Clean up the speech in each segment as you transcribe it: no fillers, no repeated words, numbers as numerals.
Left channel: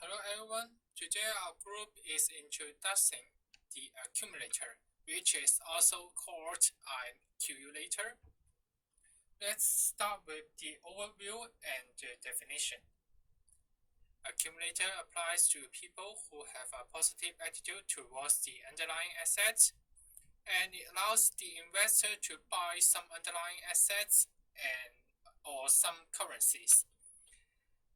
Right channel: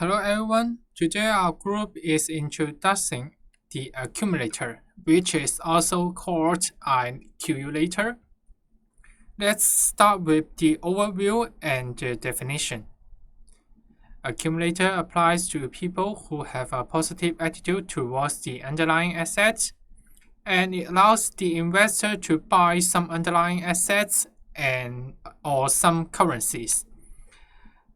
Hello everyone, today our group is introducing the accumulator, which is also called an accumulator. Let's start with the overview and the definition. Accumulator applies to people who have a positive attitude towards the underlying assets, and it allows the investor to buy some underlying assets or some currencies.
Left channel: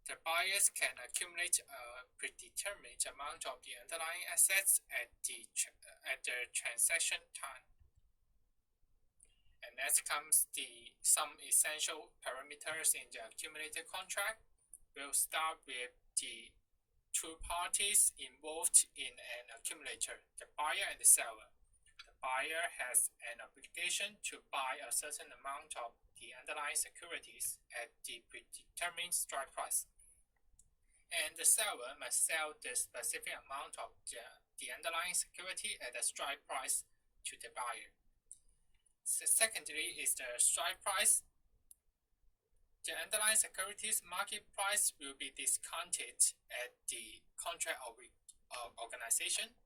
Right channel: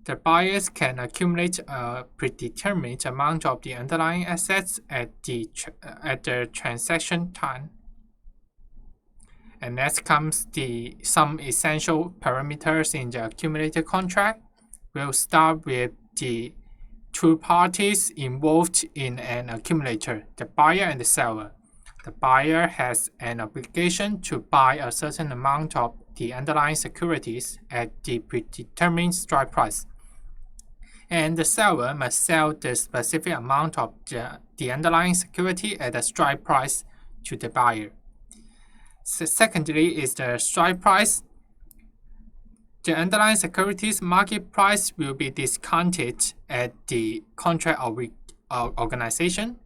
The buyers can accumulate a predetermined amount of the underlying assets at the transaction time. And next comes some essential parameters in the accumulator contract. We'll start with the two parties involved in an accumulator, the buyer and the seller. The buyer has an obligation to buy a certain amount of the underlying securities at the predetermined strike price, and the seller must sell the specific amount of the underlying security at the strike price to the buyer. Secondly is the strike price. The underlying securities market price will be discounted at the contract organization.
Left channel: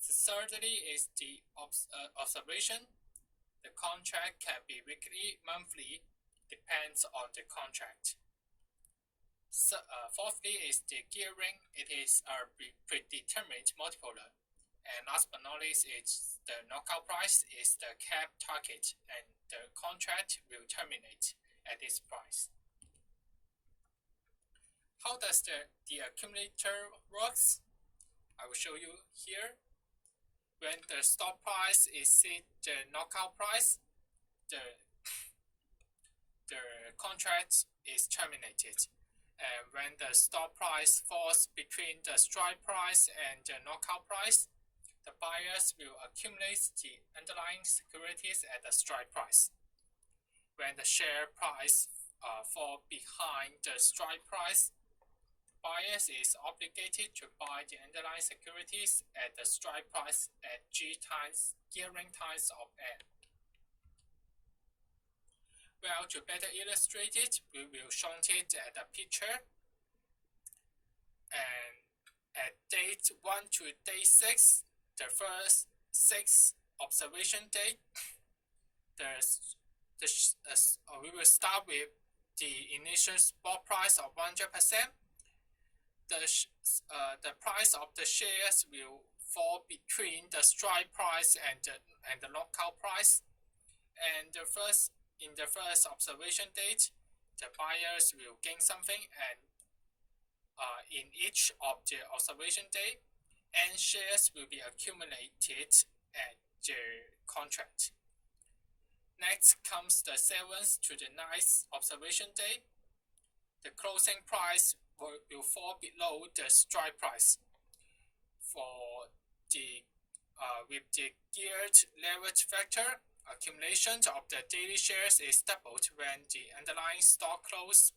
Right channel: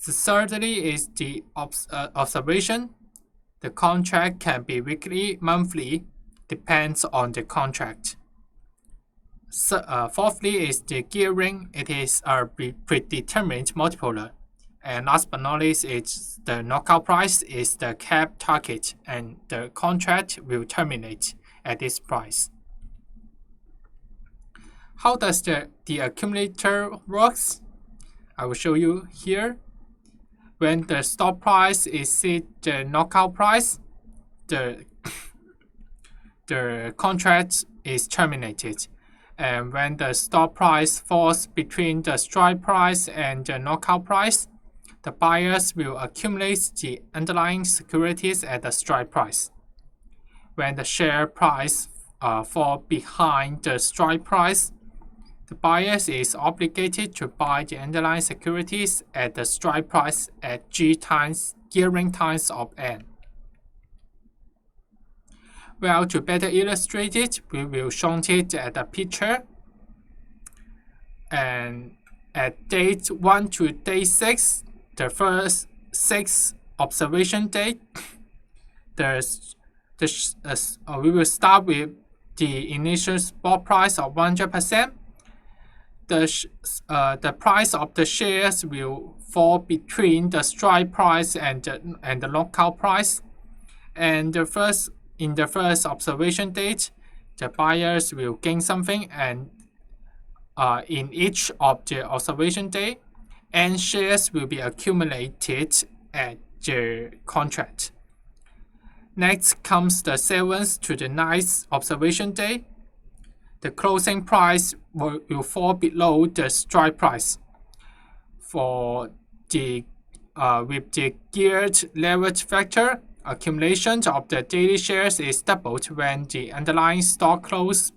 Thirdly is the observation. The contract can be weekly, monthly, depends on the contract. Fourthly is the gearing. It is a predetermined multiplier. And last but not least, it's the knockout price is the cap target, and the contract will terminate at this price. How does the accumulator works? I will show you here. When the stop price exceeds the knockout price, the contract is terminated. And when the stop price falls between the strike price and the knockout price, the buyers will accumulate the underlying securities at the strike price. When the share price falls behind the strike price, the buyers is obligated to buy the underlying securities at the strike price at G times gearing times of N. Well, to better illustrate it, we will show it at a picture. And at date 1 to day 6, the first 6 observation day, we will start with the initial spot price of 100%. The price of the shares will fall between the strike price and the knockout price. And in the first observation date, the buyers will gain something, and in each of the observation day, and shares will be accumulated at the contract. Next comes the 7th to the 9th observation day. The closing price will fall below the strike price. For the with the geared leverage factor, accumulation of the daily shares is doubled when the underlying stock closes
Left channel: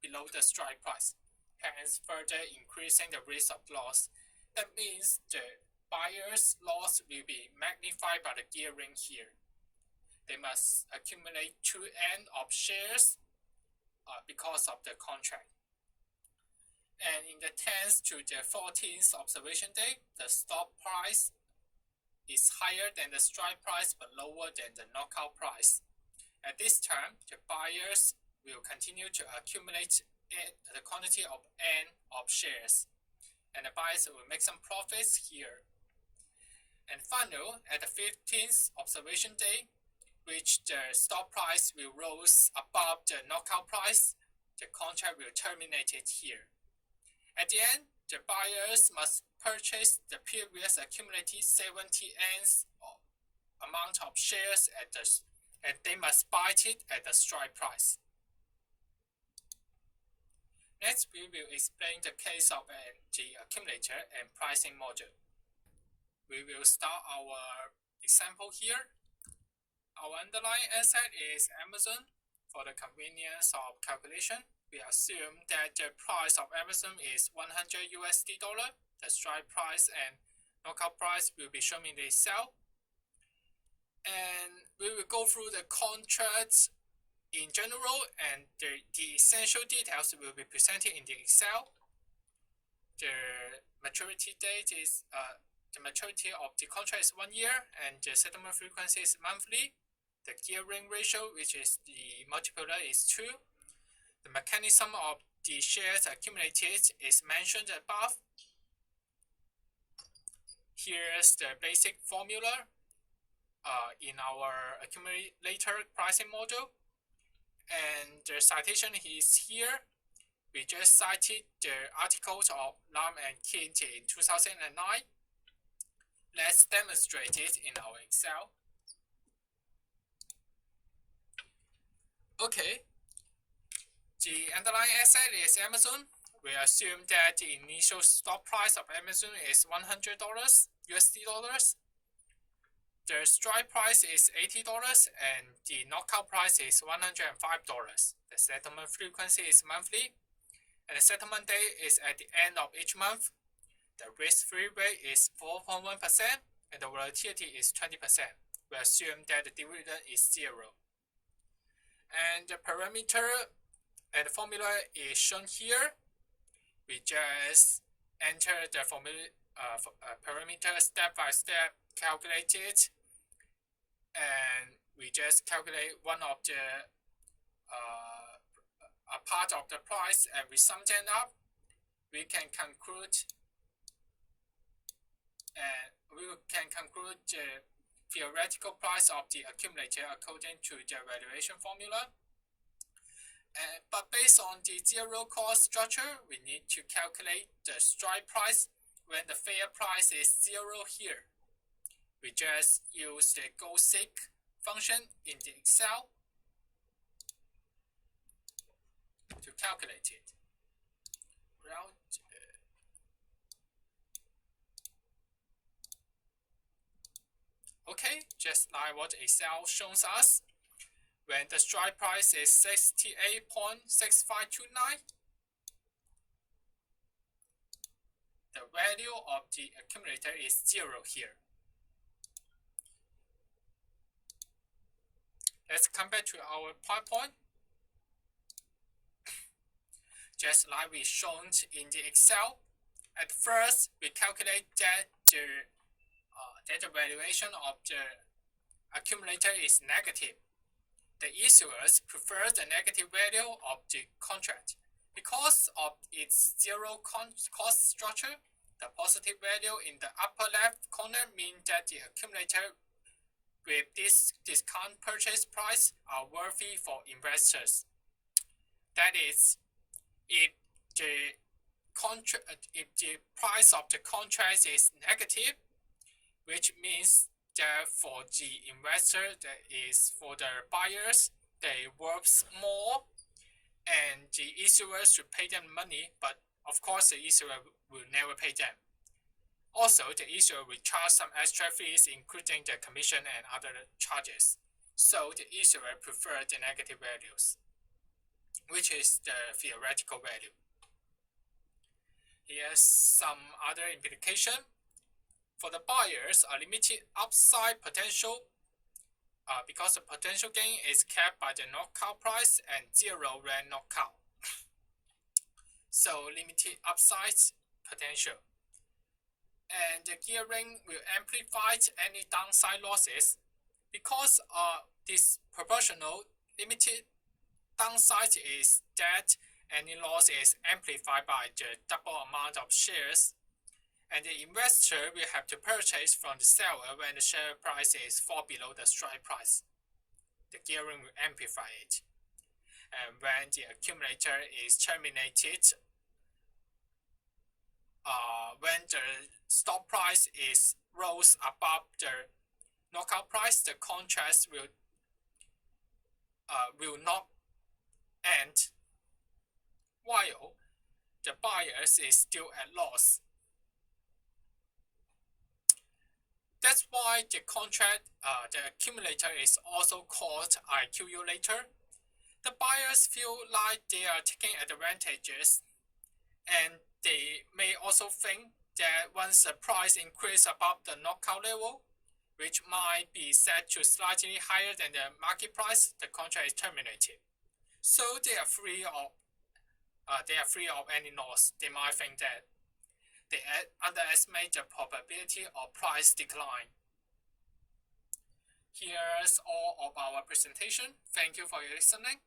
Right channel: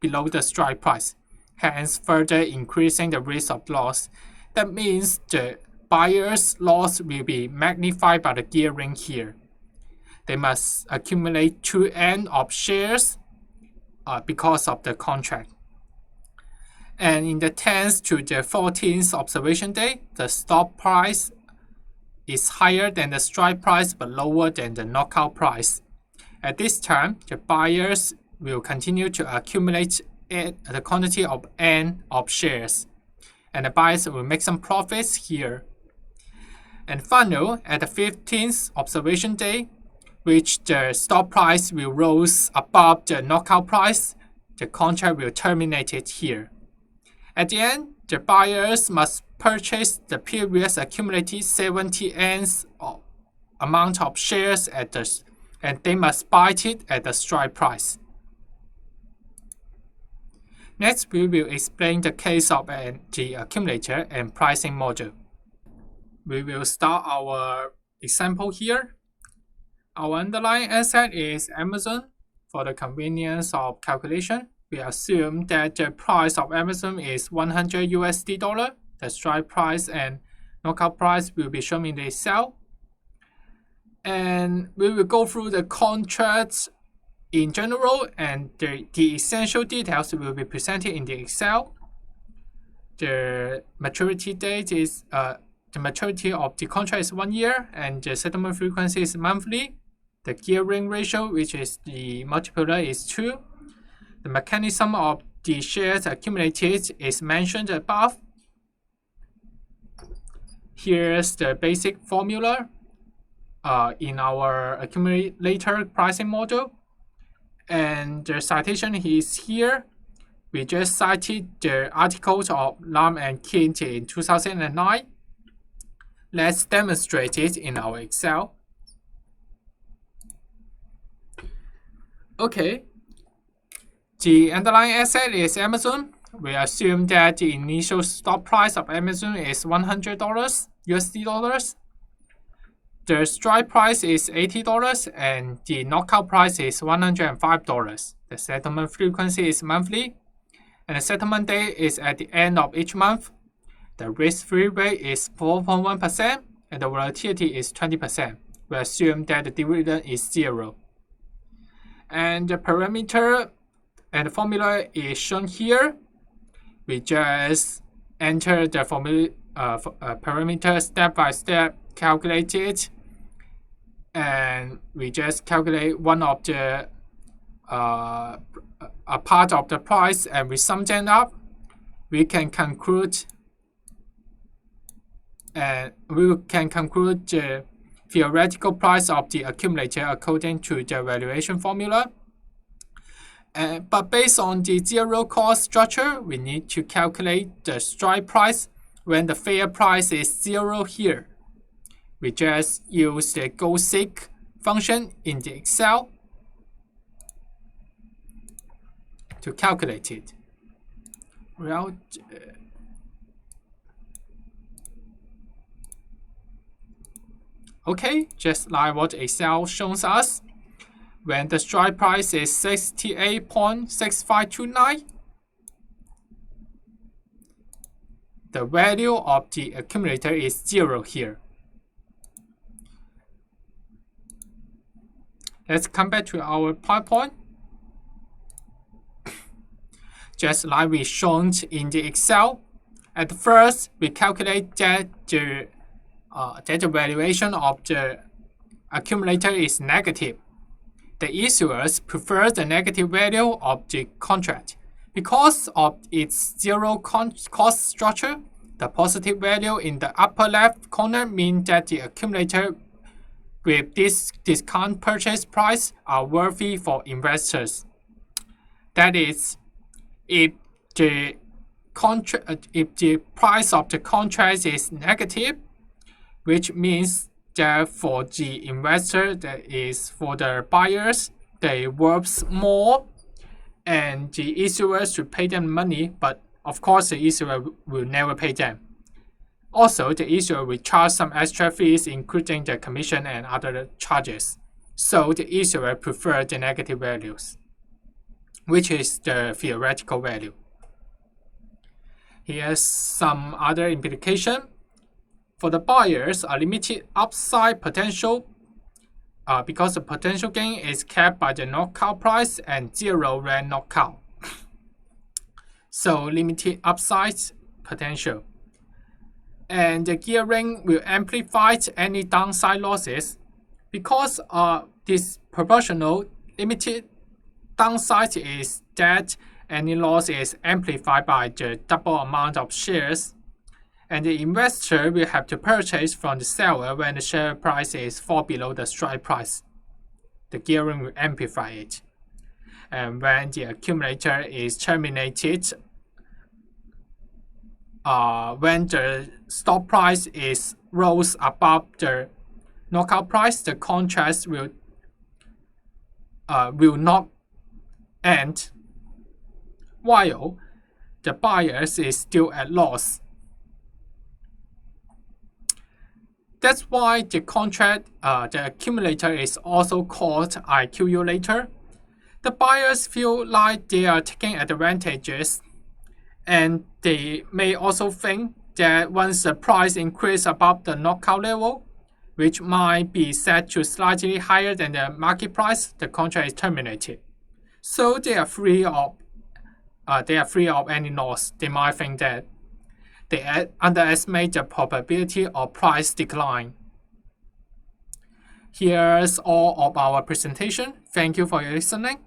below the strike price, hence further increasing the risk of loss. That means the buyer's loss will be magnified by the gearing here. They must accumulate 2N of shares because of the contract. And in the 10th to the 14th observation day, the stop price is higher than the strike price but lower than the knockout price. At this time, the buyers will continue to accumulate the quantity of N of shares, and the buyers will make some profits here. And finally, at the 15th observation day, which the stop price will rise above the knockout price, the contract will terminate it here. At the end, the buyers must purchase the previous accumulated 70 N's amount of shares and they must buy it at the strike price. Next, we will explain the case of the accumulator and pricing model. We will start our example here. Our underlying asset is Amazon. For the convenience of calculation, we assume that the price of Amazon is $100. The strike price and knockout price will be shown in the Excel. And we will go through the contracts in general, and the essential details will be presented in the Excel. the maturity date is the maturity of the contract is 1 year, and the settlement frequency is monthly. The gearing ratio, which is the multiplier, is 2. The mechanism of the shares accumulated is mentioned above. Here's the basic formula in our accumulator pricing model. And the citation is here. We just cited the articles of Lam and Kint in 2009. Let's demonstrate it in our Excel. Okay. The underlying asset is Amazon. We assume that the initial stock price of Amazon is $100 USD dollars. The strike price is $80 and the knockout price is $105. The settlement frequency is monthly, and the settlement date is at the end of each month. The risk-free rate is 4.1% and the volatility is 20%. We assume that the dividend is 0. And the parameter and the formula is shown here. We just enter the formula parameter step by step, calculate it, and we just calculate one of the a part of the price, and we sum them up. We can conclude the theoretical price of the accumulator according to the valuation formula. But based on the zero cost structure, we need to calculate the strike price when the fair price is 0 here. We just use the go-seek function in the Excel to calculate it. Well, okay, just like what Excel shows us. When the strike price is 68.6529, the value of the accumulator is 0 here. Let's come back to our PowerPoint. Just like we shown in the Excel, at first we calculate that the valuation of the accumulator is negative. The issuers prefer the negative value of the contract. Because of its zero cost structure, the positive value in the upper left corner means that the accumulator with this discount purchase price are worthy for investors. That is, if the price of the contract is negative, which means that for the investor, that is for the buyers, they worth more, and the issuers should pay them money, but of course the issuer will never pay them. Also, the issuer will charge some extra fees, including the commission and other charges. So the issuer prefers the negative values, which is the theoretical value. Here's some other implication. For the buyers, a limited upside potential because the potential gain is capped by the knockout price and 0 when knockout. So limited upside potential. And the gearing will amplify any downside losses because this proportional limited downside is that any loss is amplified by the double amount of shares, and the investor will have to purchase from the seller when the share price is fall below the strike price. The gearing will amplify it. And when the accumulator is terminated, when the stock price is rose above the knockout price, the contract will not end, while the buyers is still at loss. That's why the contract, the accumulator is also called Accumulator. The buyers feel like they are taking advantages, and they may also think that once the price increases above the knockout level, which might be set to slightly higher than the market price, the contract is terminated. So they are free of any loss. They might think that they underestimate the probability of price decline. Here's all of our presentation. Thank you for your listening.